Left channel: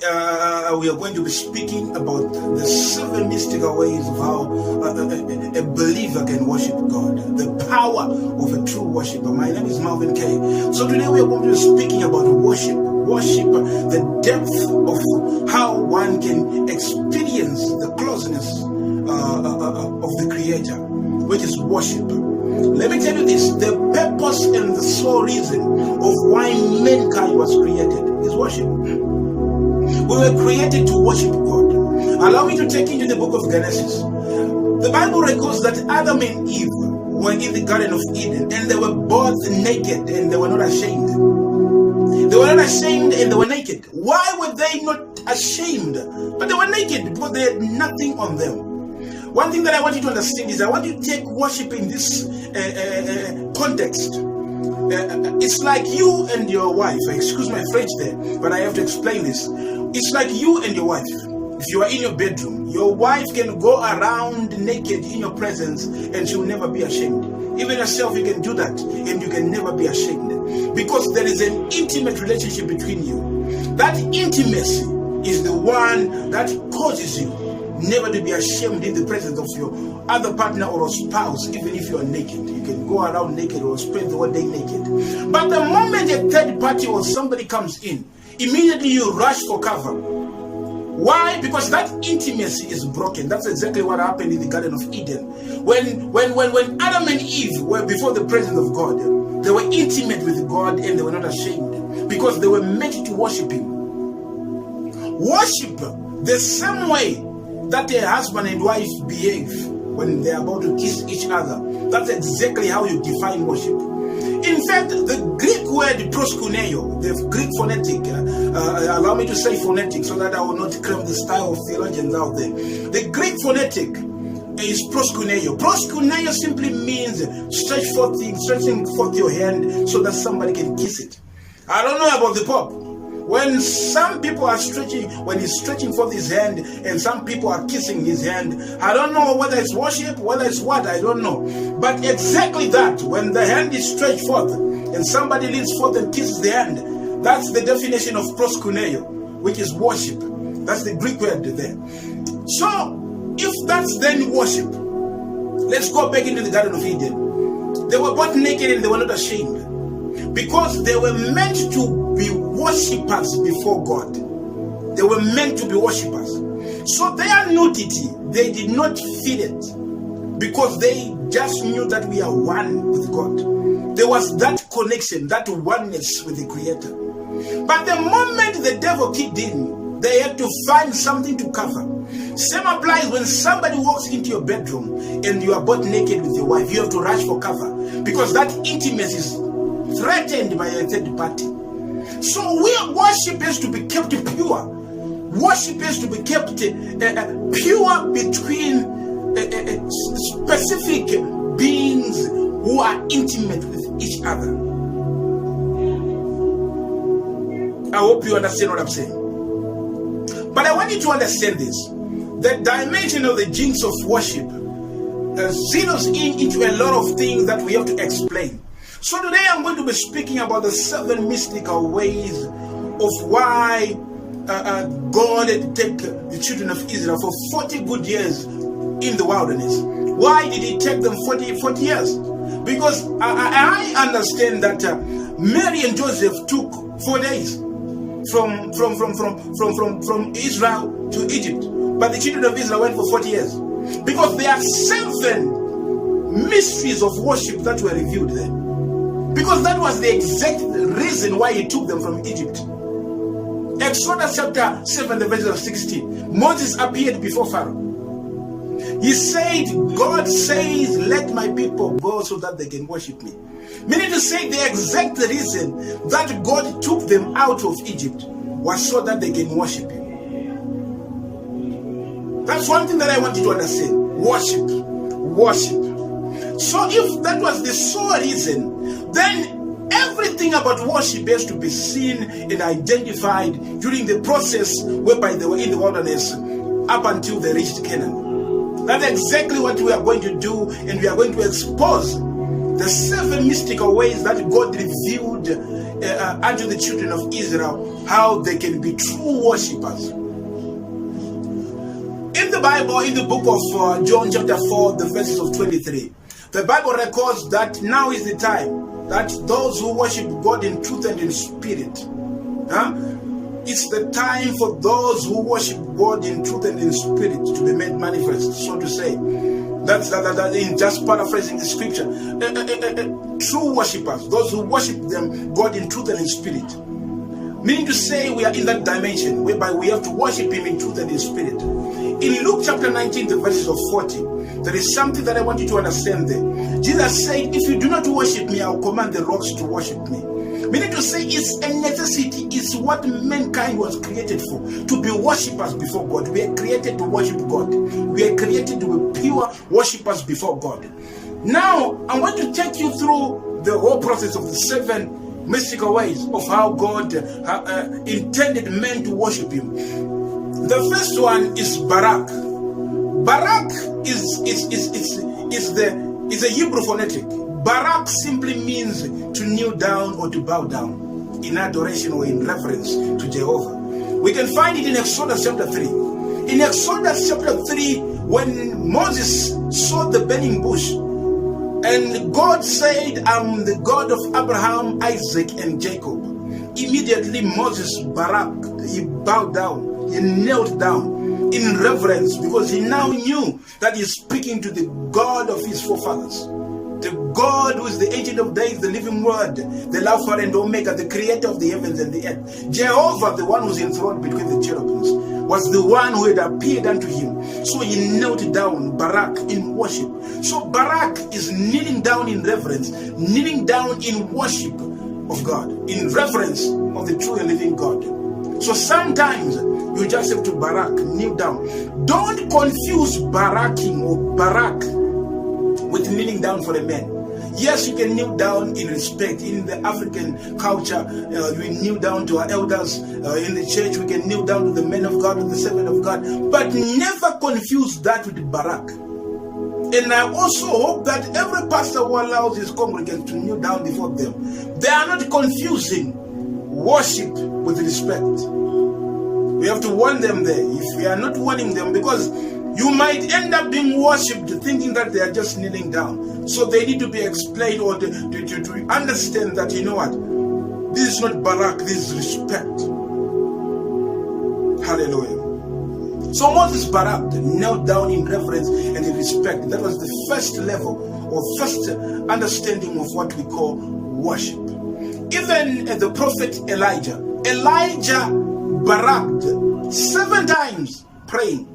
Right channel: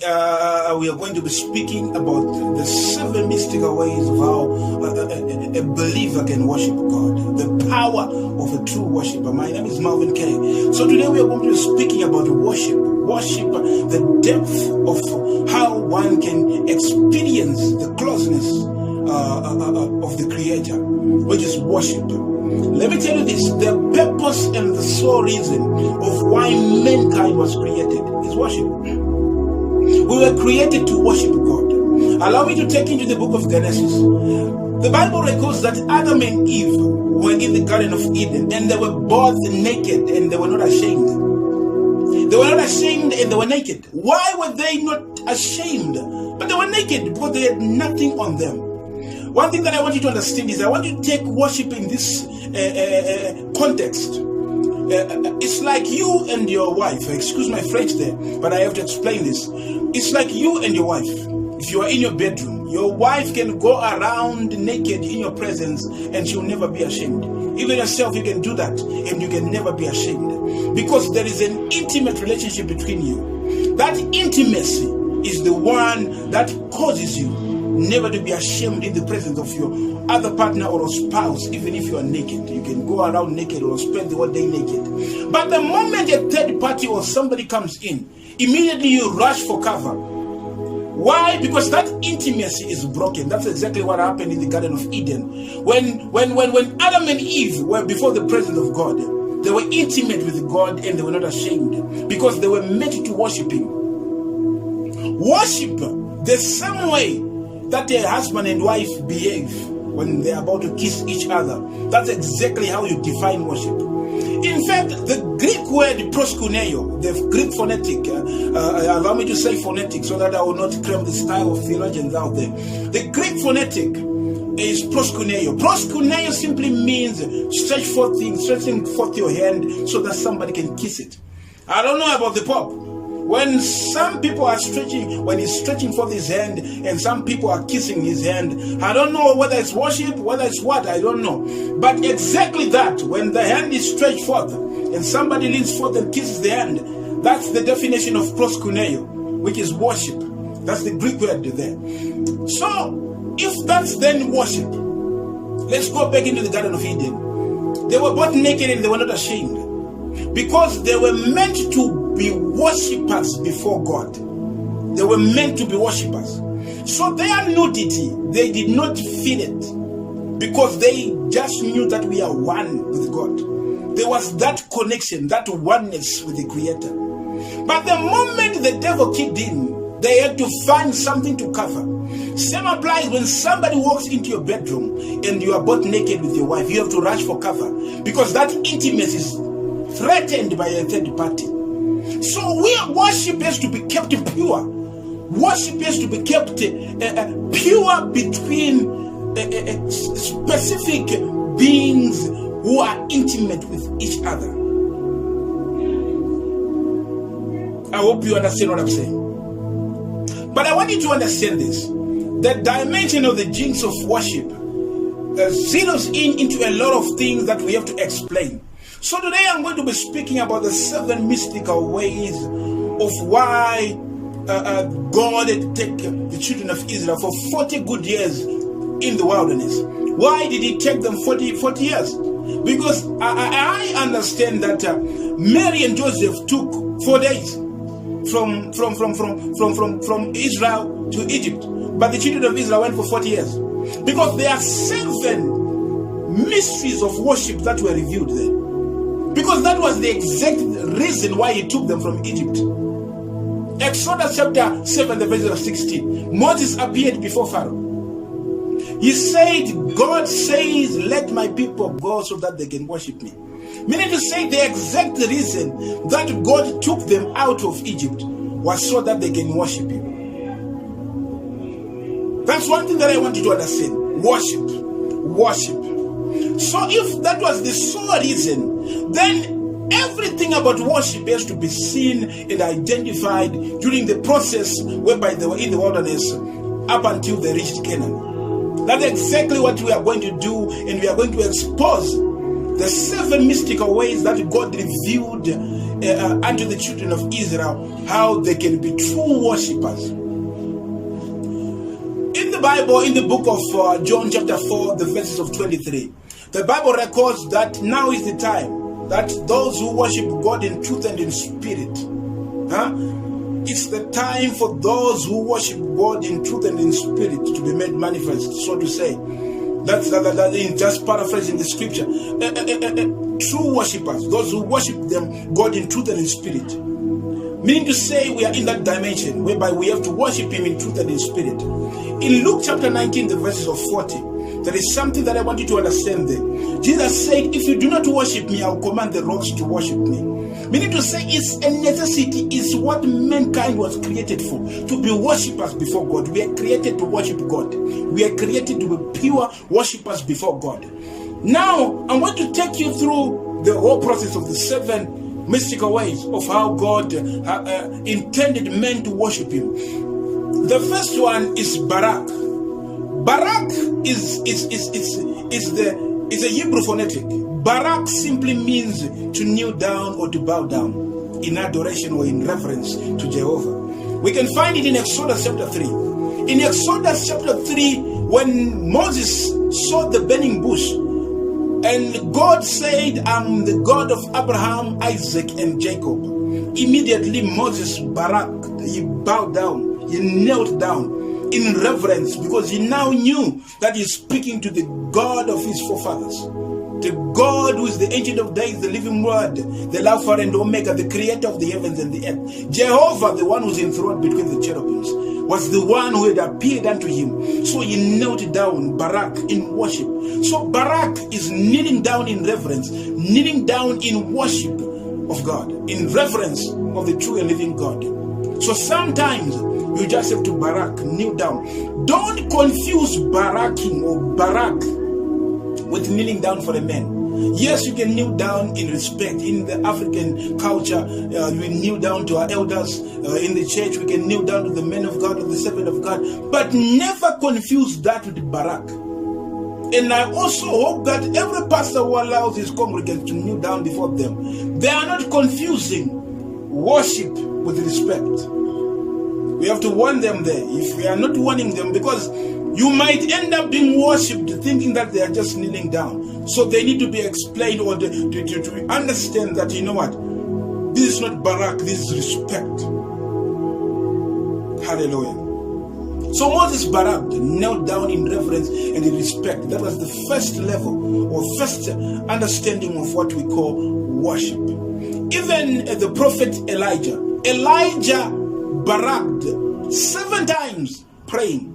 we are going to be speaking about the 7 mystical ways of how a believer can worship God, the power of a true worshiper. My name is Marvin K. So today we are going to be speaking about worship, the depth of how one can experience the closeness of the Creator, which is worship. Let me tell you this, the purpose and the sole reason of why mankind was created is worship. We were created to worship God. Allow me to take you to the book of Genesis. The Bible records that Adam and Eve were in the Garden of Eden, and they were both naked, and they were not ashamed. They were not ashamed, and they were naked. Why were they not ashamed? But they were naked because they had nothing on them. One thing that I want you to understand is I want you to take worship in this context. It's like you and your wife. Excuse my French there, but I have to explain this. It's like you and your wife. If you are in your bedroom, your wife can go around naked in your presence and she'll never be ashamed. Even yourself, you can do that and you can never be ashamed. Because there is an intimate relationship between you. That intimacy is the one that causes you never to be ashamed in the presence of your other partner or a spouse, even if you are naked. You can go around naked or spend the whole day naked. But the moment a third party or somebody comes in, immediately you rush for cover. Why? Because that intimacy is broken. That's exactly what happened in the Garden of Eden. When Adam and Eve were before the presence of God, they were intimate with God and they were not ashamed because they were meant to worship Him. Worship the same way that a husband and wife behave when they're about to kiss each other. That's exactly how you define worship. In fact, the Greek word proskuneo, the Greek phonetic, allow me to say phonetic so that I will not claim the style of theologians out there. The Greek phonetic is proskuneo. Proskuneo simply means stretching forth your hand so that somebody can kiss it. I don't know about the Pope. When some people are stretching, when he's stretching forth his hand and some people are kissing his hand, I don't know whether it's worship, whether it's what, I don't know. But exactly that, when the hand is stretched forth and somebody leans forth and kisses the hand, that's the definition of proskuneo, which is worship. That's the Greek word there. So, if that's then worship, let's go back into the Garden of Eden. They were both naked and they were not ashamed. Because they were meant to be worshippers before God. They were meant to be worshippers. So their nudity, they did not feel it. Because they just knew that we are one with God. There was that connection, that oneness with the Creator. But the moment the devil kicked in, they had to find something to cover. Same applies when somebody walks into your bedroom and you are both naked with your wife. You have to rush for cover. Because that intimacy is threatened by a third party. So worship has to be kept pure. Worship has to be kept pure between specific beings who are intimate with each other. I hope you understand what I'm saying. But I want you to understand this. The dimension of the jinx of worship zeroes into a lot of things that we have to explain. So today I'm going to be speaking about the 7 mystical ways of why God had to take the children of Israel for 40 good years in the wilderness. Why did He take them 40 years? Because I understand that Mary and Joseph took 4 days from Israel to Egypt, but the children of Israel went for 40 years because there are 7 mysteries of worship that were revealed there. Because that was the exact reason why He took them from Egypt. Exodus chapter 7, the verse of 16. Moses appeared before Pharaoh. He said, God says, let my people go so that they can worship me. Meaning to say the exact reason that God took them out of Egypt was so that they can worship Him. That's one thing that I want you to understand. Worship. So if that was the sole reason, then everything about worship has to be seen and identified during the process whereby they were in the wilderness up until they reached Canaan. That's exactly what we are going to do, and we are going to expose the 7 mystical ways that God revealed unto the children of Israel, how they can be true worshippers. In the Bible, in the book of John chapter 4, the verses of 23, the Bible records that now is the time that those who worship God in truth and in spirit, it's the time for those who worship God in truth and in spirit to be made manifest, so to say. That's in just paraphrasing the scripture. True worshippers, those who worship them, God in truth and in spirit. Meaning to say, we are in that dimension whereby we have to worship Him in truth and in spirit. In Luke chapter 19, the verses of 40, there is something that I want you to understand there. Jesus said, if you do not worship me, I will command the rocks to worship me. Meaning to say, it's a necessity, it's what mankind was created for, to be worshippers before God. We are created to worship God. We are created to be pure worshippers before God. Now, I want to take you through the whole process of the 7 mystical ways of how God intended men to worship Him. The first one is Barak. Barak is a Hebrew phonetic. Barak simply means to kneel down or to bow down in adoration or in reverence to Jehovah. We can find it in Exodus chapter 3. In Exodus chapter 3, when Moses saw the burning bush, and God said, I'm the God of Abraham, Isaac, and Jacob. Immediately Moses baraked, he bowed down, he knelt down in reverence, because he now knew that he's speaking to the God of his forefathers. The God who is the Ancient of Days, the living Word, the Alpha and Omega, the Creator of the heavens and the earth. Jehovah, the one who's enthroned between the cherubims, was the one who had appeared unto him. So he knelt down, Barak, in worship. So Barak is kneeling down in reverence, kneeling down in worship of God, in reverence of the true and living God. So sometimes you just have to Barak, kneel down. Don't confuse Baraking or Barak with kneeling down for a man. Yes, you can kneel down in respect. In the African culture, we kneel down to our elders. In the church, we can kneel down to the men of God or the servant of God. But never confuse that with Barak. And I also hope that every pastor who allows his congregants to kneel down before them, they are not confusing worship with respect. We have to warn them there. If we are not warning them, because you might end up being worshipped thinking that they are just kneeling down. So they need to be explained or to understand that, you know what, this is not Barak, this is respect. Hallelujah. So Moses baraked, knelt down in reverence and in respect. That was the first level or first understanding of what we call worship. Even the prophet Elijah baraked 7 times, praying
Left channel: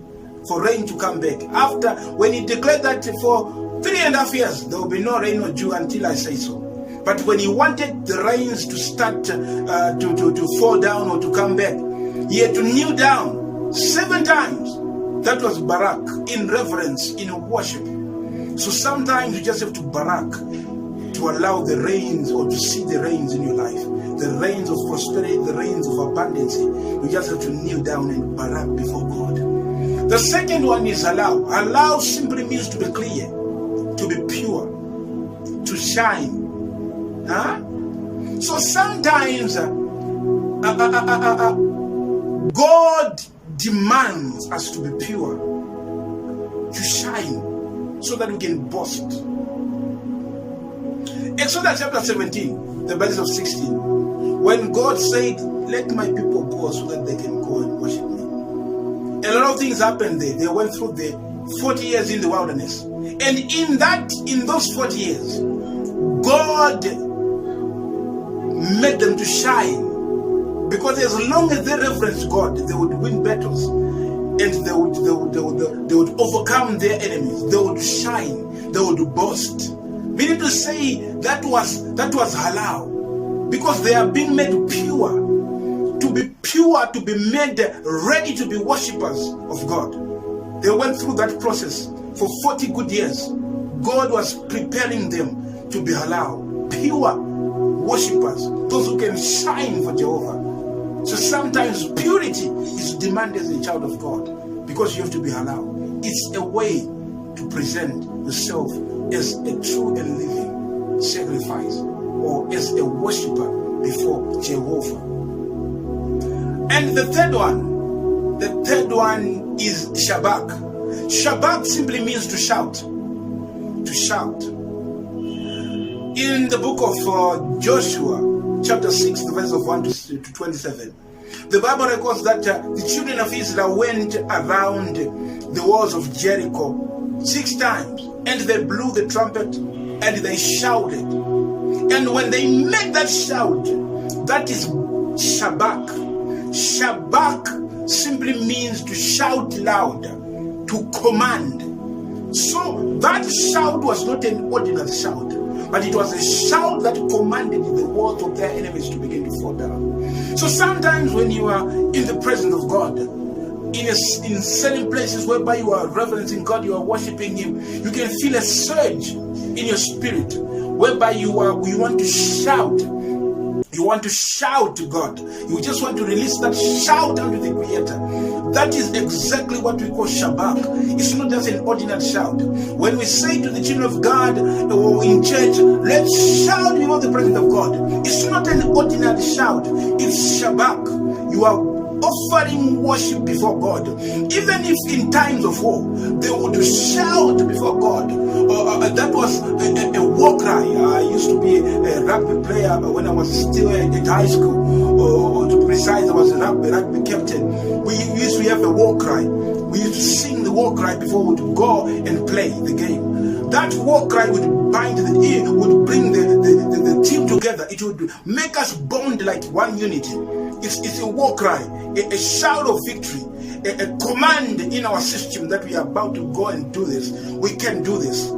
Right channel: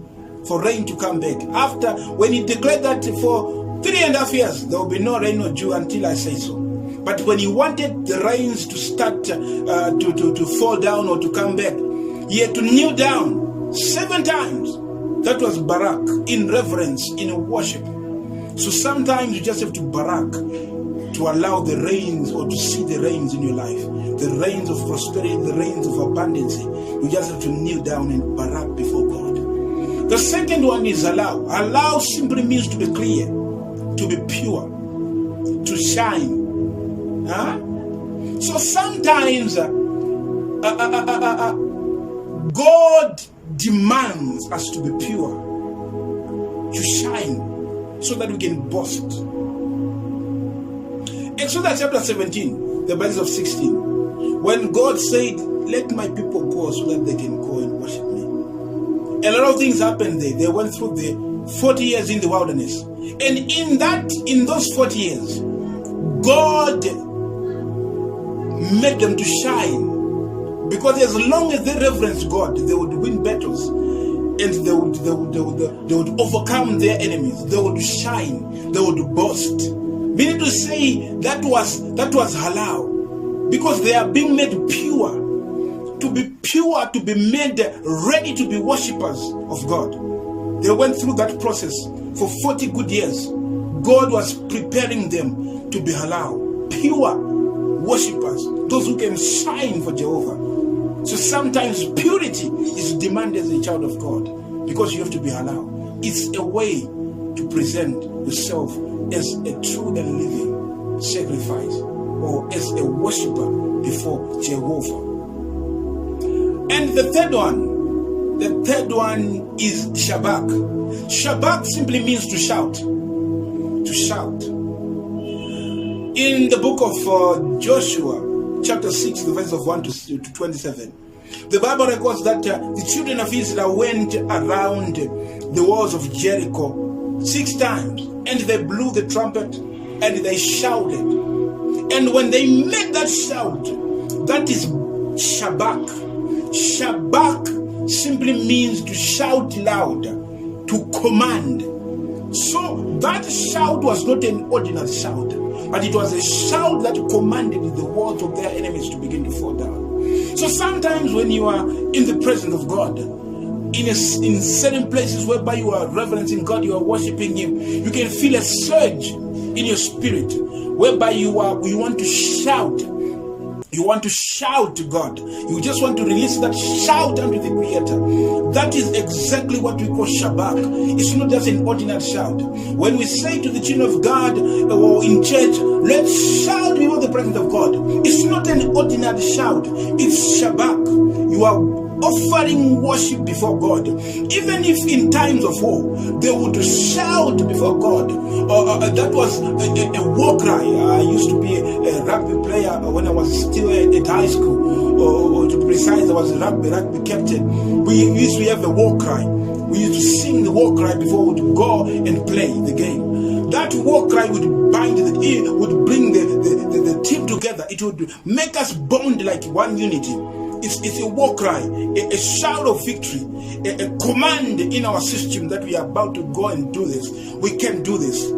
for rain to come back. After, when he declared that for 3.5 years there will be no rain or dew until I say so. But when he wanted the rains to start to fall down or to come back, he had to kneel down 7 times. That was Barak, in reverence, in worship. So sometimes you just have to Barak to allow the rains, or to see the rains in your life, the rains of prosperity, the rains of abundance. You just have to kneel down and Barak before God. The second one is allow. Allow simply means to be clear, to be pure, to shine. So sometimes God demands us to be pure, to shine, so that we can boast. Exodus chapter 17, the verses of 16, when God said, let my people go so that they can go and worship me. A lot of things happened there. They went through the 40 years in the wilderness. And in those 40 years, God made them to shine. Because as long as they reverenced God, they would win battles. And they would overcome their enemies. They would shine. They would boast. Meaning to say, that was halal. Because they are being made pure. To be pure, to be made ready to be worshippers of God. They went through that process for 40 good years. God was preparing them to be halal, pure worshippers, those who can shine for Jehovah. So sometimes purity is demanded as a child of God, because you have to be halal. It's a way to present yourself as a true and living sacrifice or as a worshiper before Jehovah. And the third one is Shabak. Shabak simply means to shout. To shout. In the book of Joshua, chapter 6, the verse of 1 to 27, the Bible records that the children of Israel went around the walls of Jericho 6 times, and they blew the trumpet and they shouted. And when they made that shout, that is Shabak. Shabak simply means to shout loud, to command. So that shout was not an ordinary shout, but it was a shout that commanded the walls of their enemies to begin to fall down. So sometimes when you are in the presence of God, in certain places whereby you are reverencing God, you are worshiping Him, you can feel a surge in your spirit whereby you want to shout. You want to shout to God. You just want to release that shout unto the Creator. That is exactly what we call Shabak. It's not just an ordinary shout. When we say to the children of God or in church, let's shout before the presence of God, it's not an ordinary shout. It's Shabak. You are offering worship before God. Even if in times of war, they would shout before God. That was a war cry. I used to be a rugby player when I was still at high school. Or to be precise, I was a rugby captain. We used to have a war cry. We used to sing the war cry before we would go and play the game. That war cry would bind would bring the team together. It would make us bond like one unity. It's a war cry, a shout of victory, a command in our system that we are about to go and do this. We can do this.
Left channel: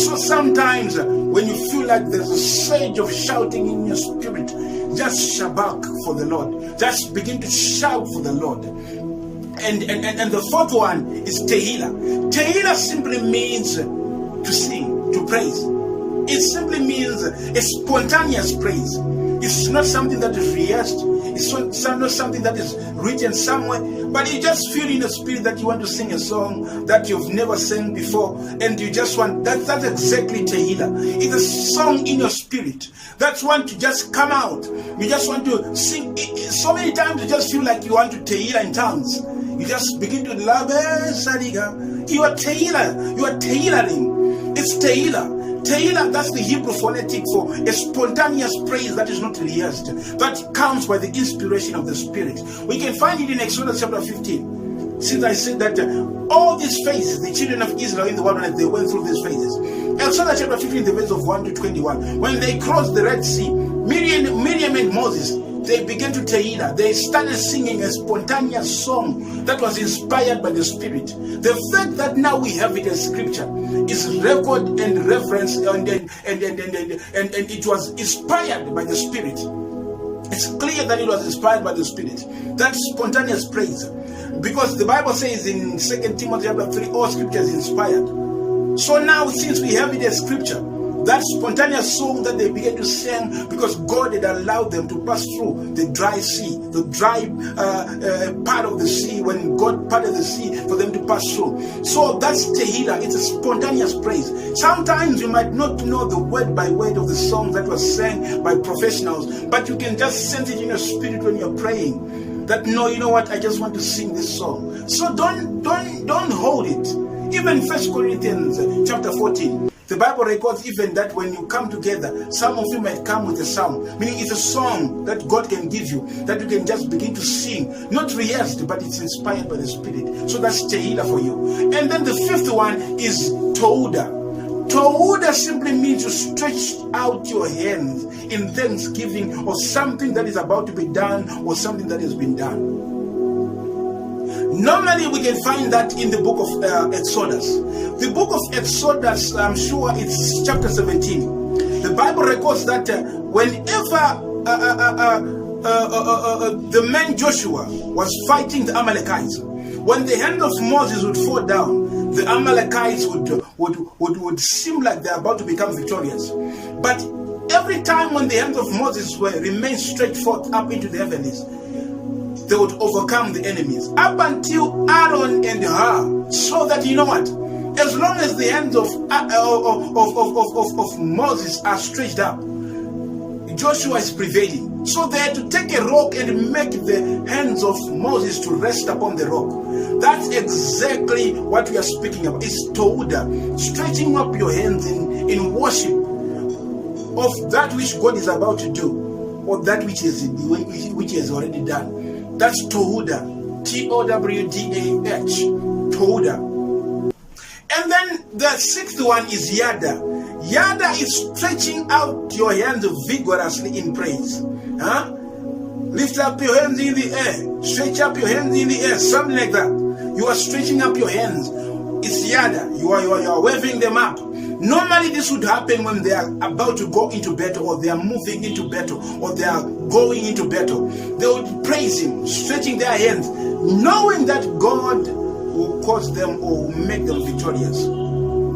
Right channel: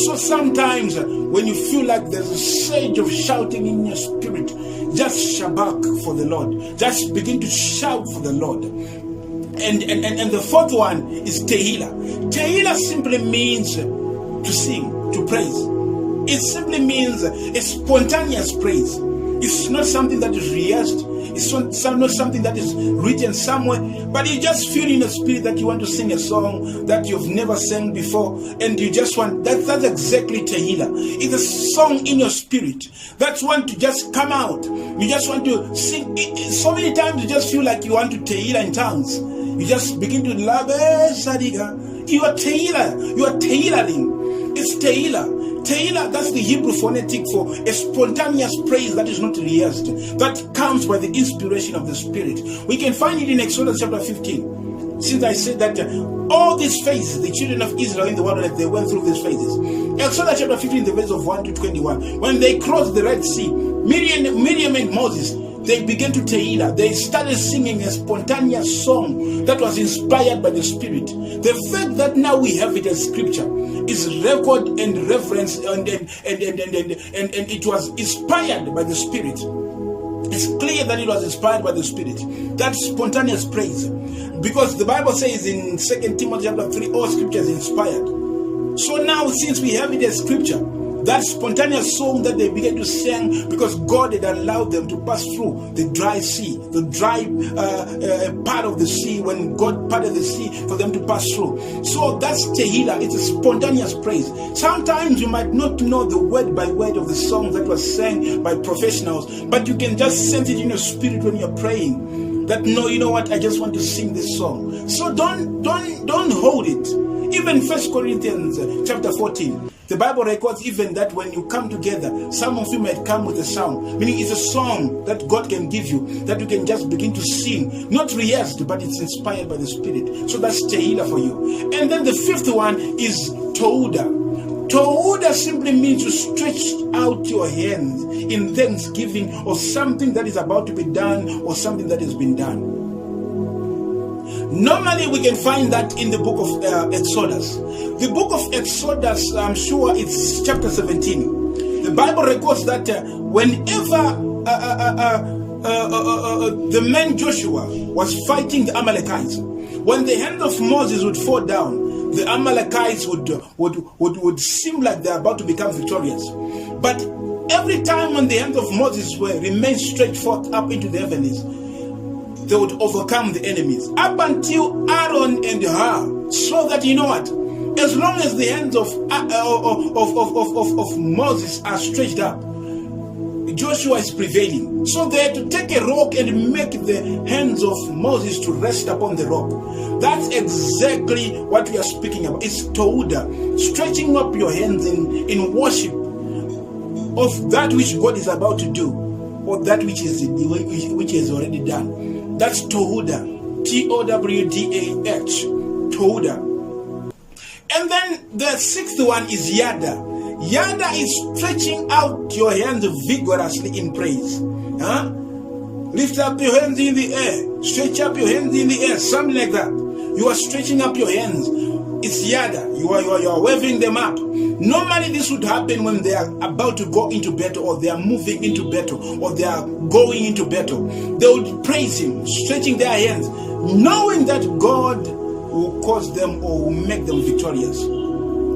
So sometimes when you feel like there's a surge of shouting in your spirit, just shabak for the Lord. Just begin to shout for the Lord. And the fourth one is Tehillah. Tehillah simply means to sing, to praise. It simply means a spontaneous praise. It's not something that is rehearsed. It's not something that is written somewhere, but you just feel in the spirit that you want to sing a song that you've never sang before, and you just want, that's exactly Tehillah. It's a song in your spirit that's want to just come out. You just want to sing. So many times you just feel like you want to Tehillah in tongues. You just begin to labe sadiga. You are Tehillah. You are Tehillah. It's Tehillah. Tehillah, that's the Hebrew phonetic for a spontaneous praise that is not rehearsed, that comes by the inspiration of the Spirit. We can find it in Exodus chapter 15. Since I said that all these phases, the children of Israel in the wilderness, they went through these phases. Exodus chapter 15, the verse of 1 to 21. When they crossed the Red Sea, Miriam and Moses, they began to Tehillah. They started singing a spontaneous song that was inspired by the Spirit. The fact that now we have it as scripture is record and reference, and it was inspired by the Spirit. It's clear that it was inspired by the Spirit. That spontaneous praise. Because the Bible says in 2 Timothy chapter 3, all scripture is inspired. So now, since we have it as scripture, that spontaneous song that they began to sing, because God had allowed them to pass through the dry sea, the dry part of the sea, when God parted the sea for them to pass through. So that's Tehillah. It's a spontaneous praise. Sometimes you might not know the word by word of the song that was sang by professionals, but you can just sense it in your spirit when you're praying. That, no, you know what, I just want to sing this song. So don't hold it. Even 1 Corinthians chapter 14, the Bible records even that when you come together, some of you might come with a song, meaning it's a song that God can give you, that you can just begin to sing, not rehearsed, but it's inspired by the Spirit. So that's Tehillah for you. And then the fifth one is Tohudah. Tohudah simply means to stretch out your hands in thanksgiving of something that is about to be done or something that has been done. Normally we can find that in the book of Exodus. The book of Exodus, I'm sure it's chapter 17. The Bible records that whenever the man Joshua was fighting the Amalekites, when the hand of Moses would fall down, the Amalekites would seem like they're about to become victorious. But every time when the hands of Moses remained stretched forth up into the heavens, they would overcome the enemies. Up until Aaron and Hur saw that, you know what, as long as the hands of Moses are stretched up, Joshua is prevailing. So they had to take a rock and make the hands of Moses to rest upon the rock. That's exactly what we are speaking about. It's Tohuda, stretching up your hands in worship of that which God is about to do, or that which he has already done. That's Tohuda, T-O-W-D-A-H, Tohuda. And then the sixth one is Yada. Yada is stretching out your hands vigorously in praise. Lift up your hands in the air. Stretch up your hands in the air. Something like that. You are stretching up your hands. It's Yada. You are waving them up. Normally this would happen when they are about to go into battle, or they are moving into battle, or they are going into battle. They would praise him, stretching their hands, knowing that God will cause them or will make them victorious.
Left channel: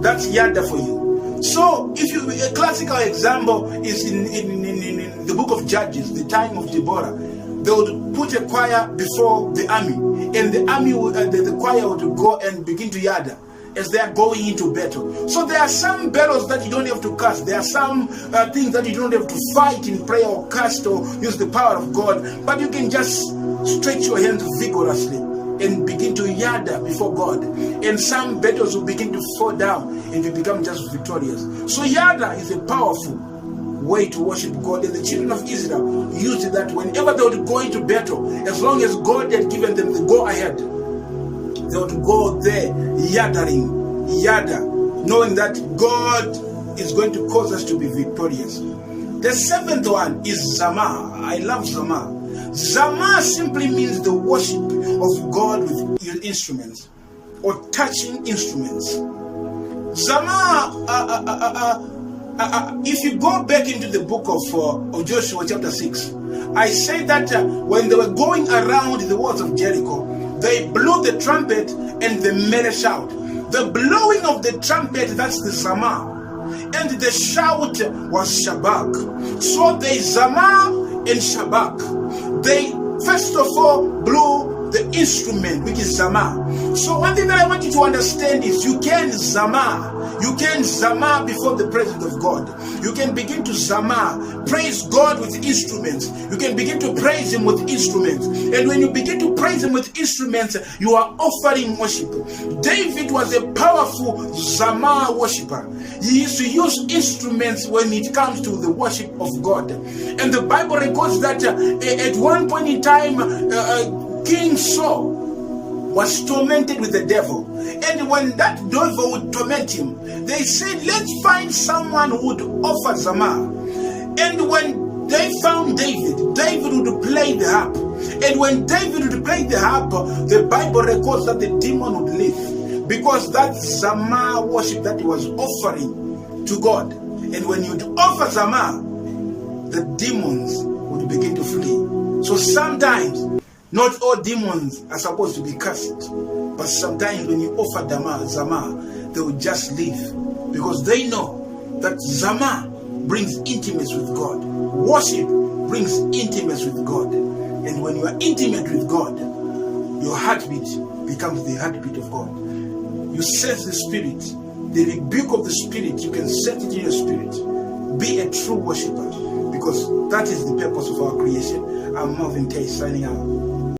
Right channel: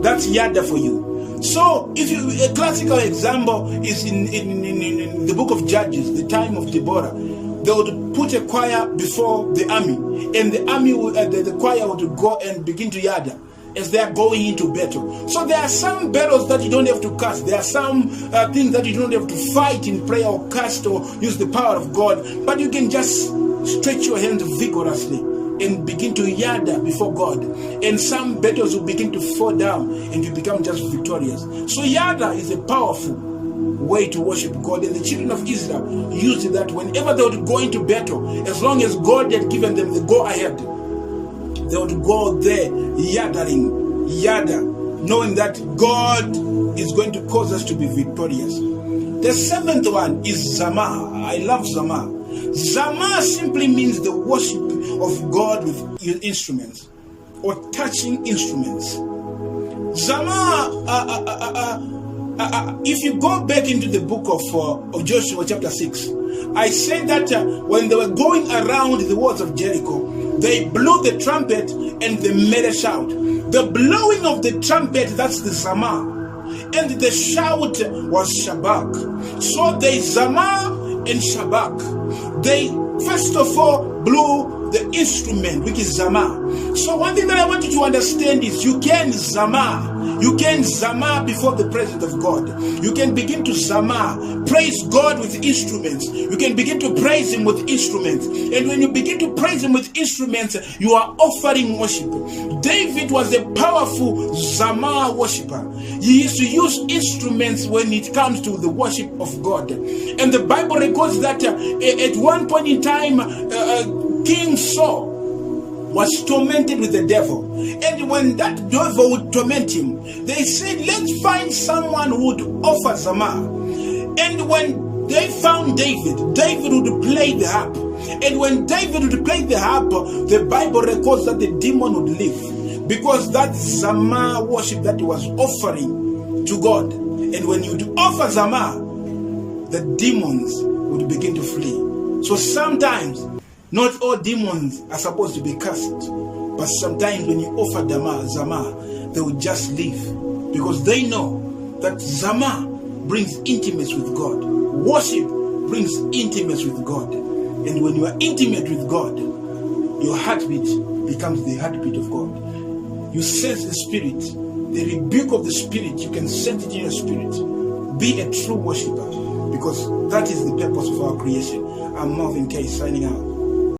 That's Yada for you. So, a classical example is in the book of Judges, the time of Deborah. They would put a choir before the army, and the army, the choir would go and begin to Yada as they are going into battle. So there are some battles that you don't have to cast. There are some things that you don't have to fight in prayer or cast or use the power of God, but you can just stretch your hands vigorously and begin to Yada before God. And some battles will begin to fall down and you become just victorious. So Yada is a powerful way to worship God. And the children of Israel used that whenever they would go into battle, as long as God had given them the go ahead, they would go there Yadaing, Yada, knowing that God is going to cause us to be victorious. The seventh one is Zamar. I love Zamar. Zamar simply means the worship of God with instruments or touching instruments. Zamar, if you go back into the book of Joshua chapter 6, I said that when they were going around the walls of Jericho, they blew the trumpet and they made a shout. The blowing of the trumpet, that's the Zamar. And the shout was Shabak. So they Zamar and Shabak. They first of all blew the instrument, which is Zamar. So one thing that I want you to understand is you can Zamar. You can Zamar before the presence of God. You can begin to Zamar, praise God with instruments. You can begin to praise him with instruments. And when you begin to praise him with instruments, you are offering worship. David was a powerful Zamar worshiper. He used to use instruments when it comes to the worship of God. And the Bible records that at one point in time, King Saul was tormented with the devil. And when that devil would torment him, they said, let's find someone who would offer Zamar. And when they found David, David would play the harp. And when David would play the harp, the Bible records that the demon would leave, because that's Zamar worship that he was offering to God. And when you would offer Zamar, the demons would begin to flee. So sometimes, not all demons are supposed to be cast, but sometimes when you offer Zamar, they will just leave, because they know that Zamar brings intimacy with God. Worship brings intimacy with God. And when you are intimate with God, your heartbeat becomes the heartbeat of God. You sense the Spirit, the rebuke of the Spirit, you can sense it in your spirit. Be a true worshiper, because that is the purpose of our creation. I'm Marvin K. signing out.